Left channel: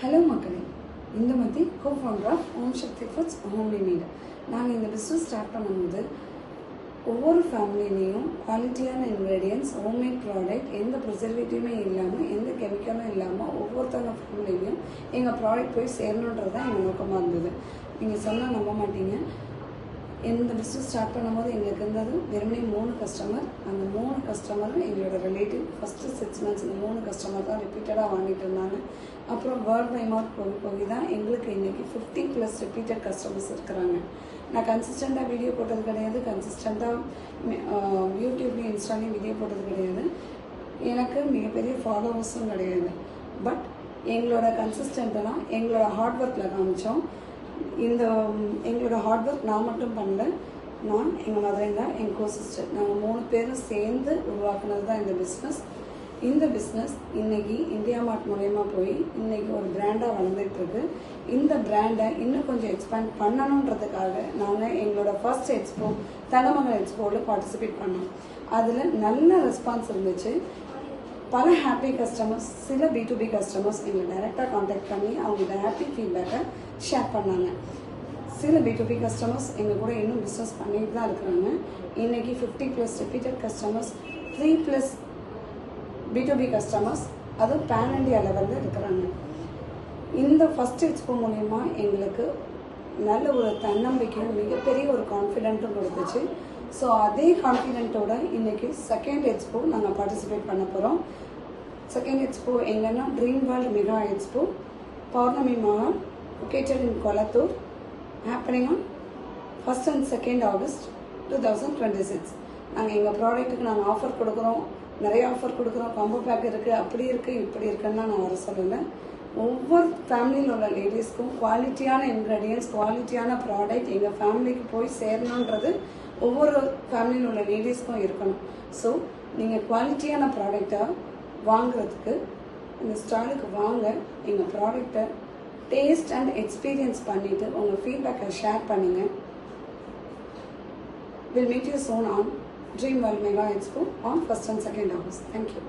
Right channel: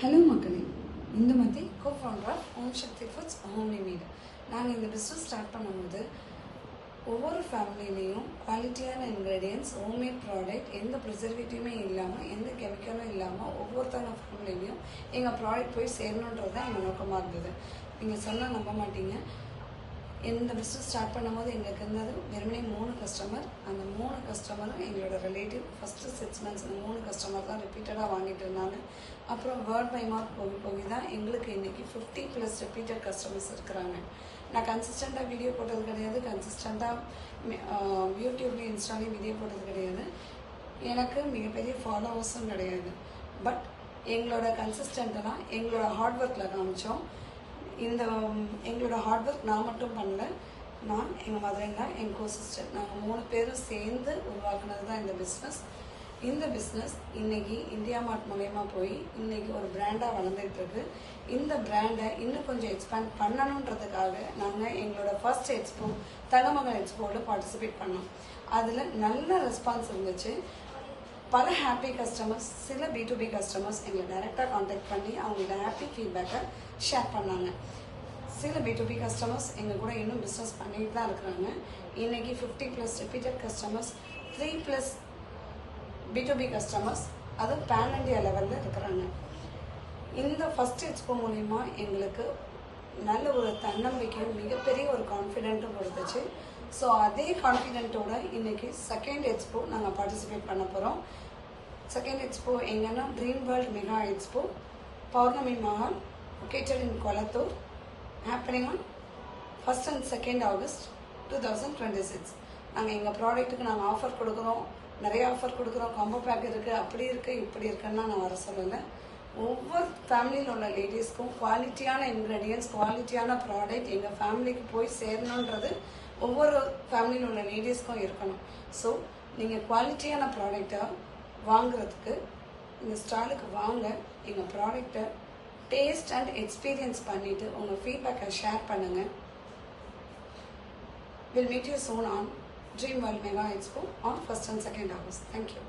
Hello மக்களே, Indumathi co-founder of Om Shakti Foods homely meat. நாங்கள் இந்த பிஸ்னஸ் ஸ்டார்ட் பண்ணும்போது ஒவ்வொரு ஃபேமிலிலையும் குவாலிட்டியான இன்க்ரீடியன்ஸ், ஹோம்மேட் ப்ராடக்ட், எந்த ப்ரிசர்வேட்டிவுமே இல்லாமல், எந்த கெமிக்கலும் இல்லாமல் ஒவ்வொருத்தவங்க ஃபேமிலிலையும் எங்கள் ப்ராடக்ட் போய் சேரணுன்றது தான் எங்கள் நோக்கமாக இருந்தது. நீங்கள் சொன்னால் நம்ப மாட்டீங்க, இந்த பிஸ்னஸ் ஸ்டார்ட் பண்ணும்போது எங்களுக்கு இருந்தது வெறுமனே 3 கஸ்டமர். அந்த 3 கஸ்டமரும் எங்களோட ரிலேட்டிவ். ஃபஸ்ட்டு 6 months இந்த 3 கஸ்டமர் தான் ரிப்பீட்டடாக வாங்கிட்டு இருந்தாங்க. அப்புறம் வேர்ட் பை மவுத் போய் தான் எங்களுக்கு இன்றைக்கி 50+ ரிப்பீட்டட் கஸ்டமர்ஸ் இருக்கிறாங்க. நான் கன்சிஸ்டண்ட்டாக வீடியோ போட்டது கிடையாது, கன்சிஸ்டண்ட்டாக யூடியூப்லேயும் இன்ஸ்டாலையும் வீடியோ போட்டது கிடையாது, எனக்கு மிகப்பெரிய ஃபாலோவர்ஸும் கிடையாது. பட் எங்களோட கன்சிஸ்டண்ட்டெல்லாம் எங்களோட ஹார்ட் ஒர்க்கில் காமிச்சோம். எங்களோட ஹார்ட் ஒர்க் நான் மட்டும் பண்ணல, நான், எங்கள் மதர்-இன்-லா, எங்கள் கோ-சிஸ்டர், நாங்கள் 3 பேரும் சேர்ந்து உருவாக்குனது தான் இந்த பிஸ்னஸ். இந்த பிஸ்னஸ் இன்னைக்கு இந்தியா மார்ட் மூலயமா போய் இன்னைக்கு ஒரு பிராண்டாக வளர்ந்துட்டு இருக்கு. இந்த பிராண்டை இன்னும் கொஞ்சம் எக்ஸ்பேண்ட் பண்ணணுன்றதுக்காக நாங்கள் எங்களோட ஃபர்ஸ்ட் எக்ஸ்போ தங்கமங்கலம் எக்ஸ்போவில் பார்ட்டிசிபேட் பண்ணோம். அதில் நல்ல ரெஸ்பான்ஸ் இருந்துச்சு. பல ஹாப்பி கஸ்டமர்ஸ், சில B2B கஸ்டமர்ஸ் எங்களை டைரெக்டாக காண்டாக்ட் பண்ணி அவங்களோட ஹாப்பி ஃபீட்பேக்கை ஷேர் பண்ணாங்க. சில B2B கஸ்டமர்ஸ் எங்கள் கூட இன்னும் பிஸ்னஸ் பண்ணிட்டு தான் இருக்கிறாங்க. இன்னைக்கு 50+ ரிப்பீட்டட் கஸ்டமர்ஸ், 3+ B2B கஸ்டமர்ஸ், அதுவும் பேன் இண்டியா லெவலில் இருக்கிறாங்க. இந்த ஃபர்ஸ்ட் எக்ஸ்போ மூலயமா எங்களுக்கு நல்ல ஒரு தன்னம்பிக்கையும் மிகப்பெரிய ஒரு கான்ஃபிடென்ட்டும் கொடுத்துச்சு. ஸோ அதே கான்ஃபிடென்ட்டோட இன்னைக்கு செகண்ட் எக்ஸ்போ நாங்கள் பார்ட்டிசிபேட் பண்ண போகிறோம். செகண்ட் எக்ஸ்போ எங்கன்னா dream world mega expo, Pournami Mahal, located in Kolathur, happening on 1st and 2nd August 2026. நாங்கள் எங்கள் ப்ராடக்ட்டுக்கு நாங்கள் ஆஃபர் கொடுக்குறோம், நிறைய ஆஃபர் கொடுக்குறோம், காம்போ பேக் இருக்குது, அப்படி இருக்குது இப்படி இருக்குன்னு நான் வர சொல்லலை. ஒவ்வொரு ஃபேமிலியில் உள்ள லேடிஸ்க்கும் குவாலிட்டியான இன்க்ரீடியன்ஸ், குவாலிட்டியான ப்ராடக்ட் எங்கள் ஃபேமிலிக்கு போய் சேரணுன்றது ஒவ்வொரு ஃபேமிலியில் உள்ள லேடிஸ்க்கும் இருக்கணும். ஸோ நீங்கள் குவாலிட்டியான ப்ராடக்டாக வாங்குறதுக்கு இந்த ஸ்டாலுக்கு வாங்க, எங்கள் ப்ராடக்டை டேஸ்ட் அண்ட் எக்ஸ்பீரியன்ஸ் பண்ணிவிட்டு உங்கள் ஃபீட்பேக்கை ஷேர் பண்ணுங்கள். We'll meet you soon on Dream World Mega Expo on 1st and 2nd August. Thank you.